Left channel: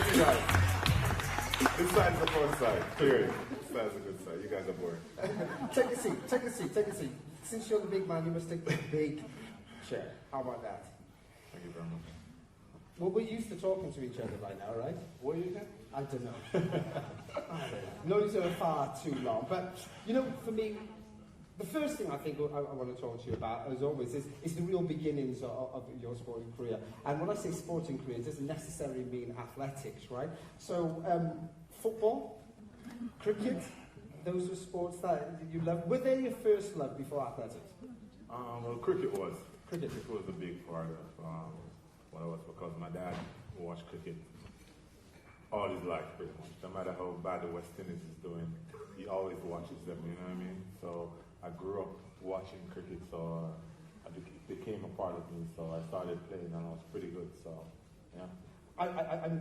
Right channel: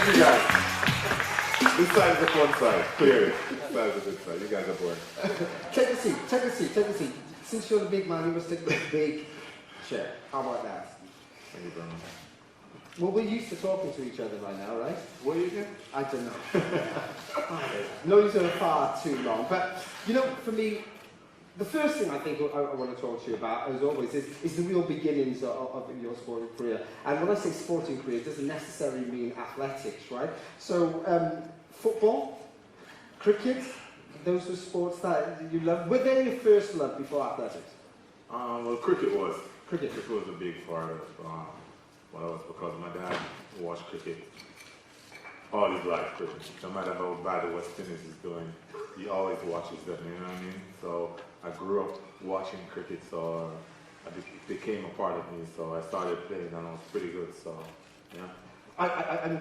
Thank you guys. This side is the fun side, clearly. This side is the good side. You guys have worked. Take a seat, take a seat, take a seat. Since you're the big man, you must take the big chair. How about that? Thank you very much. Well, we're used to talking to each other by now, right? What do you think? I don't know. Known each other far too long. But, you know, for me, the first thing I think I want to talk to you about, as always, is the real beginnings of your sporting career. And when I say sporting career, it doesn't necessarily mean athletics, right? So, football, cricket, those were sports that you loved. Were they your first love before athletics? Well, cricket was. Cricket. Cricket was a big part of what I was, because my dad watched cricket all his life. Cricket. No matter how bad the West Indies is doing, he always watches them, you know what I mean? So I grew up watching cricket, so it became a part of me. So I started playing and I was pretty good, so yeah.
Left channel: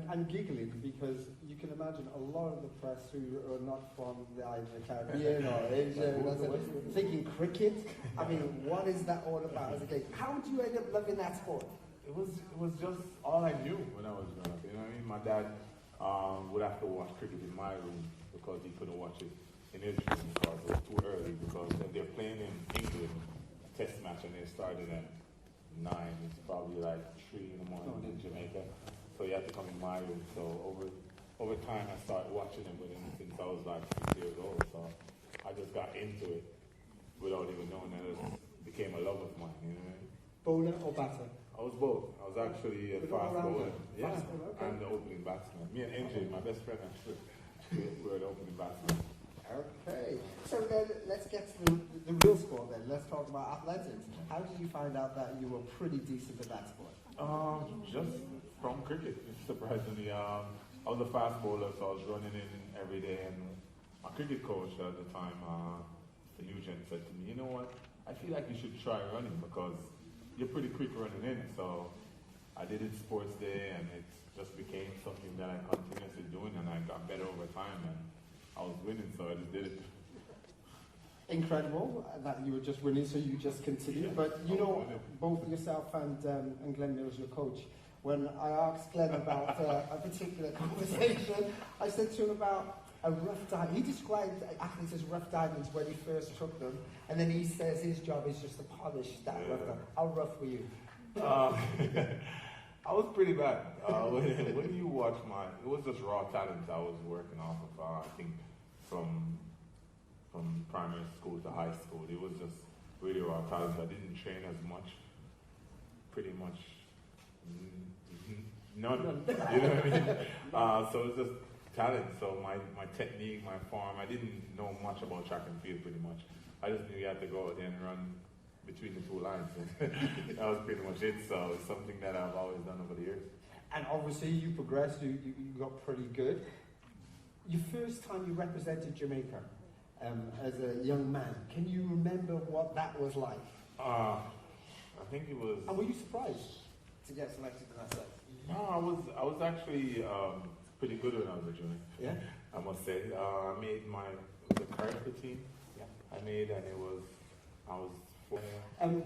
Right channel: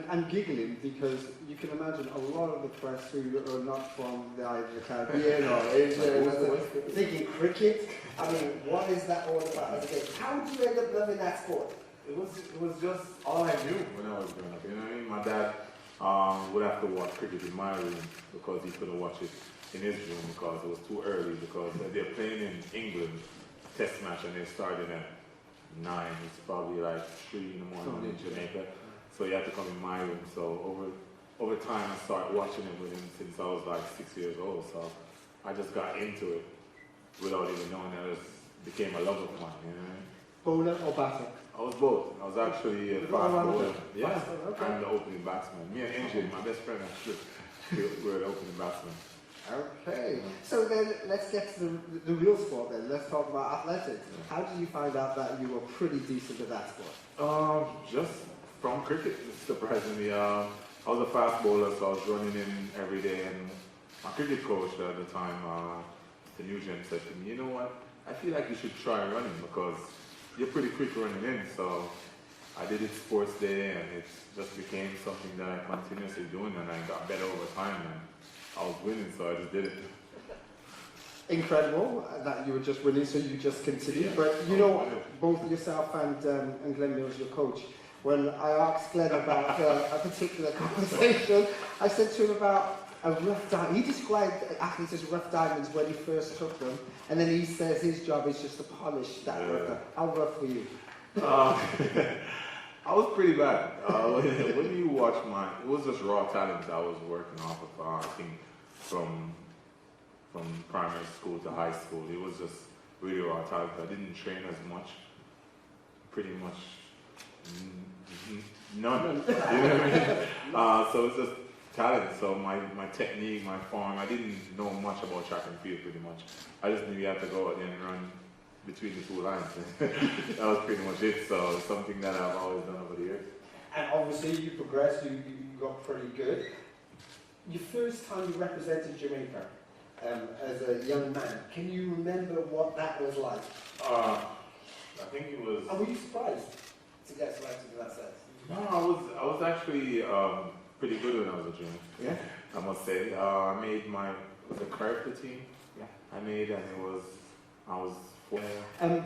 I'm giggling because you can imagine a lot of the press who are not from the Caribbean or Asia thinking cricket. I mean, what is that all about? How did you end up loving that sport? It was just all I knew when I was growing up, you know what I mean? My dad would have to watch cricket in my room because he couldn't watch it in his room because it was too early, because they're playing in England, test match, and they started at 9, it's probably like 3 in the morning in Jamaica. So you had to come in my room. So over time, I started watching it with him since I was like 6 years old. So I just got into it without even knowing that it became a love of mine. You know what I mean? Bowler or batter? I was both. I was actually a fast bowler. Yeah, okay. I'm the opening batsman. Me and NJ, my best friend, actually, we're the opening batsman. Okay. So then let's get to the real sport then. Let's talk about athletics. How did you find out that you were pretty decent at that sport? Just from cricket, surprisingly. I was a fast bowler, so I was running in every day, and my cricket coach at the time, the Nugent, said to me, you know what, I feel like you should try running because you're pretty quick running in. So I did it sports day, and it just became something that I continuously doing, and I got better over time, and I was winning, so I just did it. Incredible that you were just winning, so you just continued. But you know, both yourself and Glenn Mills, your coach, when I asked Glenn about a particular conversation, I said to him about a rough diamond. He described athletes as rough diamonds when he first took them, and then he says his job is just to polish that rough diamond. How rough were you? I was pretty bad. When you watch it was just raw talent I was working off of. I think from primary school to high school, it was just really raw talent. I didn't train as much. Pretty much none. You know what I mean? So it's just talent. So my technique, my form, I didn't know much about track and field pretty much. I just knew you had to go out there and run between the two lines. That was pretty much it. So it's something that I've always done over the years. And obviously you progressed, you got pretty good. Your first time you represented Jamaica as a young man, can you remember what that was like? I think it was... And were you surprised to get selected for that set? No, I was actually pretty good when I was a junior. Yeah? I must say. I made the character team. Yeah. I made, and I was for...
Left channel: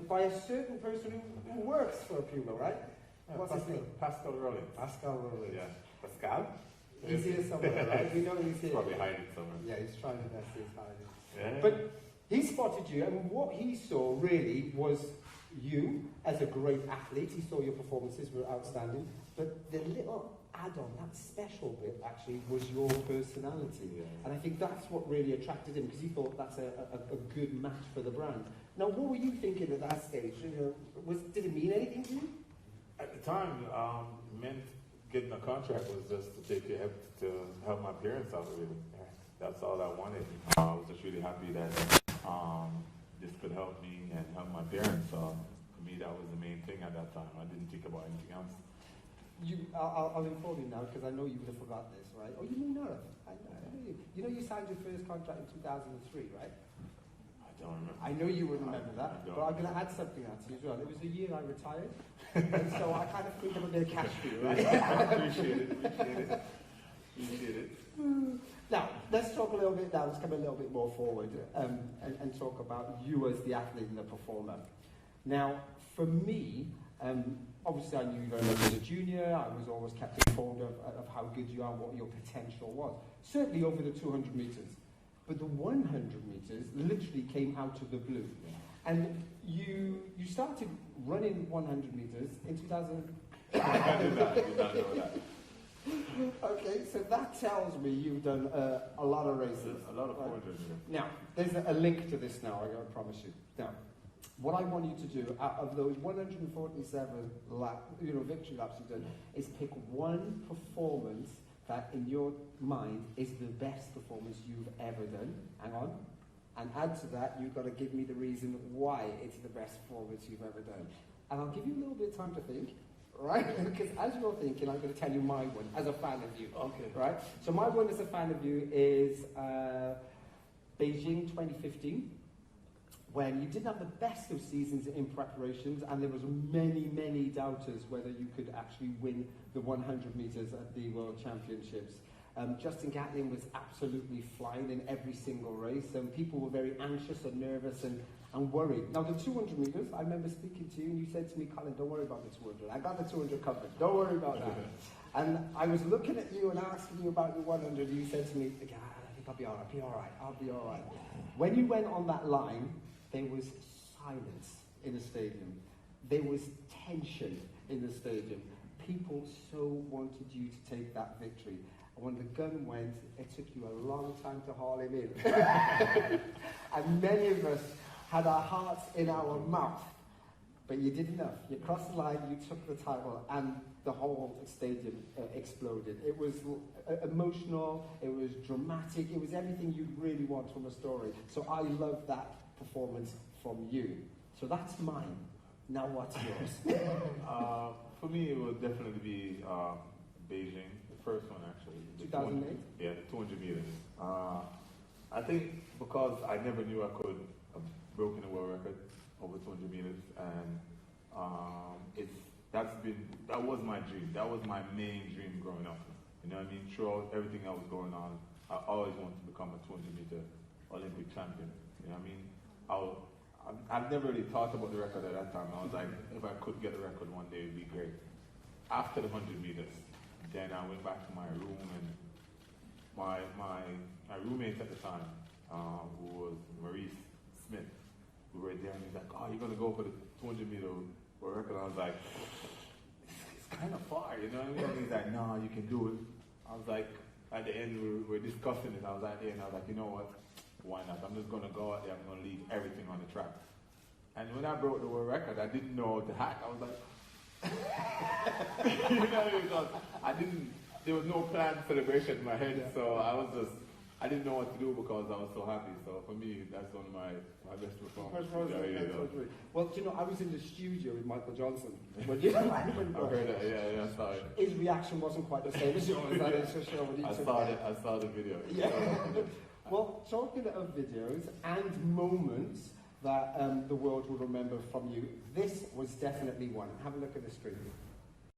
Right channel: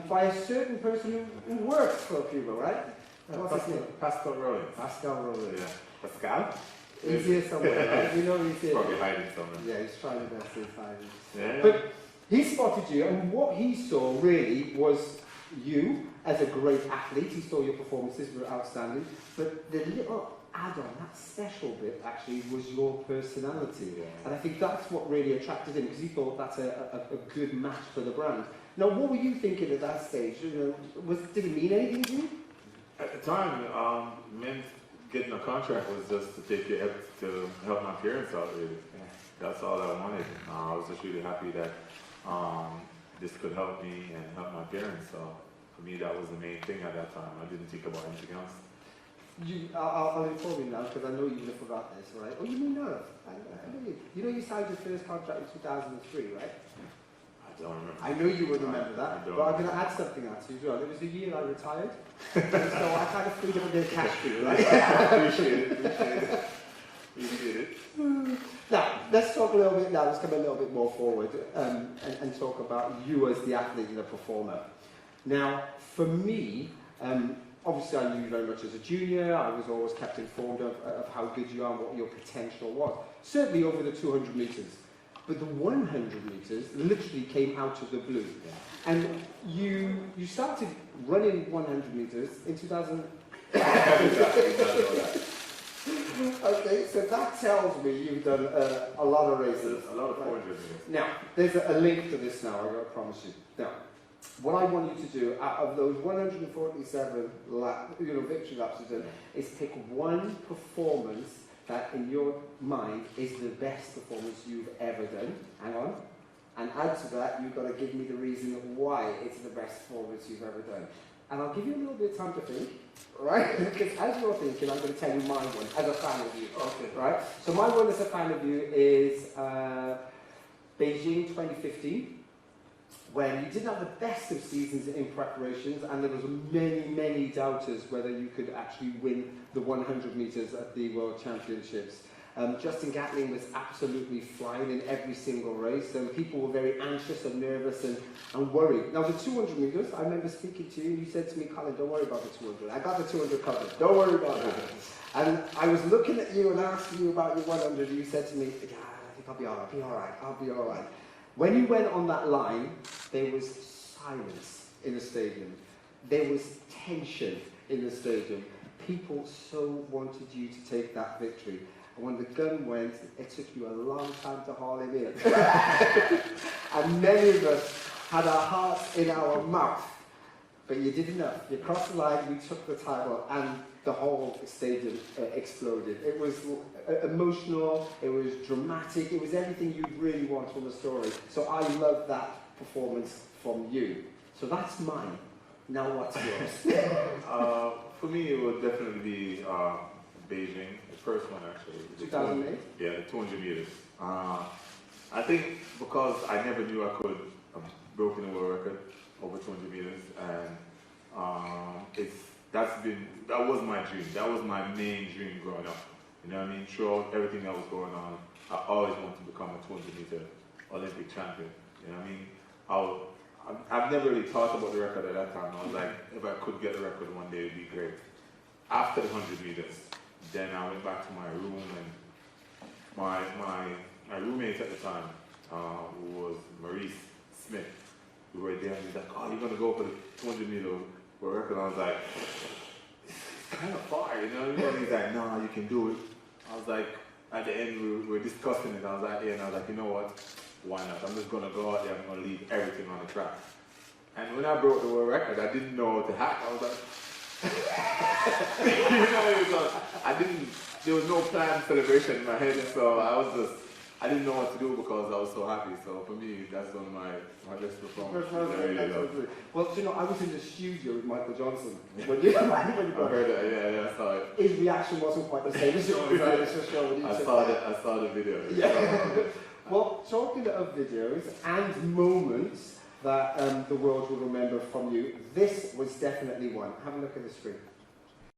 By a certain person who works for people, right? What's his name? Pascal Rollins. Pascal Rollins. Yeah. Pascal? He's here somewhere, right? You know he's here. Probably hiding somewhere. Yeah, he's trying his best to hide it. Yeah. But he spotted you, and what he saw really was you as a great athlete. He saw your performances were outstanding, but the little add-on, that special bit actually, was your personality. Yeah. And I think that's what really attracted him, because he thought that's a good match for the brand. Now, what were you thinking at that stage? You know, did it mean anything to you? At the time, meant getting a contract was just to help my parents out, really. Yeah. That's all I wanted. I was just really happy that this could help me and help my parents. So for me, that was the main thing at that time. I didn't think about anything else. I'll inform you now, because I know you would have forgot this, right? Oh, you may not have. I know you. You know you signed your first contract in 2003, right? I don't remember. I know you would remember that, but I'm going to add something else to you as well. It was the year I retired, so I kind of freed up a bit of cash for you, right? Appreciate it. Now, let's talk a little bit now, let's come a little bit more forward and talk about you as the athlete and the performer. Now, for me, obviously I knew you very much as a junior. I was always kept informed of how good you are, what your potential was. Certainly over the 200 metres. But the 100 metres literally came out of the blue. And you started running 100 metres in 2000. Okay, so that tells me you've done a lot of races. A lot of 400 meters. Now, there's a link to this now, I promise you. Now, what I want you to do, out of those 147 victory laps you've done, is pick one performance that in your mind is the best performance you've ever done. Hang on. And add to that, you've got to give me the reason why it's the best performance you've ever done. And I'll give you a little bit of time to think, right? Because as you're thinking, I'm going to tell you my one, as a fan of you. Okay. Right? So my one as a fan of you is Beijing 2015, when you didn't have the best of seasons in preparations, and there was many doubters whether you could actually win the 100 metres at the World Championships. Justin Gatlin was absolutely flying in every single race, and people were very anxious and nervous and worried. Now the 200 metres, I remember speaking to you, and you said to me, Colin, don't worry about the 200. I got the 200 covered. Don't worry about that. And I was looking at you and asking you about your 100, and you said to me, yeah, I think I'll be all right. When you went on that line, there was silence in the stadium. There was tension in the stadium. People so wanted you to take that victory. And when the gun went, it took you a long time to haul him in. And many of us had our hearts in our mouth. But you did enough. You crossed the line, we took the title, and the whole stadium exploded. It was emotional, it was dramatic, it was everything you'd really want from a story. So I love that performance from you. So that's mine. Now what's yours? For me, it would definitely be Beijing, the first one actually. 2008? Yeah, the 200 meters. I think because I never knew I could have broken the world record over 200 meters, and that was my dream. That was my main dream growing up. You know what I mean? Throughout everything that was going on, I always wanted to become a 200 meter Olympic champion. You know what I mean? I've never really thought about the record at that time. I was like, if I could get the record one day, it'd be great. After the 100 meters, then I went back to my room, and my roommate at the time, who was Maurice Smith, we were there, and he's like, oh, you're going to go for the 200 meter world record? I was like, it's kind of far, you know? And he's like, no, you can do it. I was like, at the end, we were discussing it. I was like, yeah, and I was like, you know what? Why not? I'm just going to go out there, I'm going to leave everything on the track. And when I broke the world record, I didn't know what to hack. I was like, there was no planned celebration in my head, so I didn't know what to do because I was so happy. So for me, that's one of my best performances. Well, you know, I was in the studio with Michael Johnson. When you I heard that, yeah, I saw it. His reaction wasn't quite the same as yours. I saw the video. Yeah. Well, talking of videos and moments that the world will remember from you, this was definitely one. Have a look at the screen.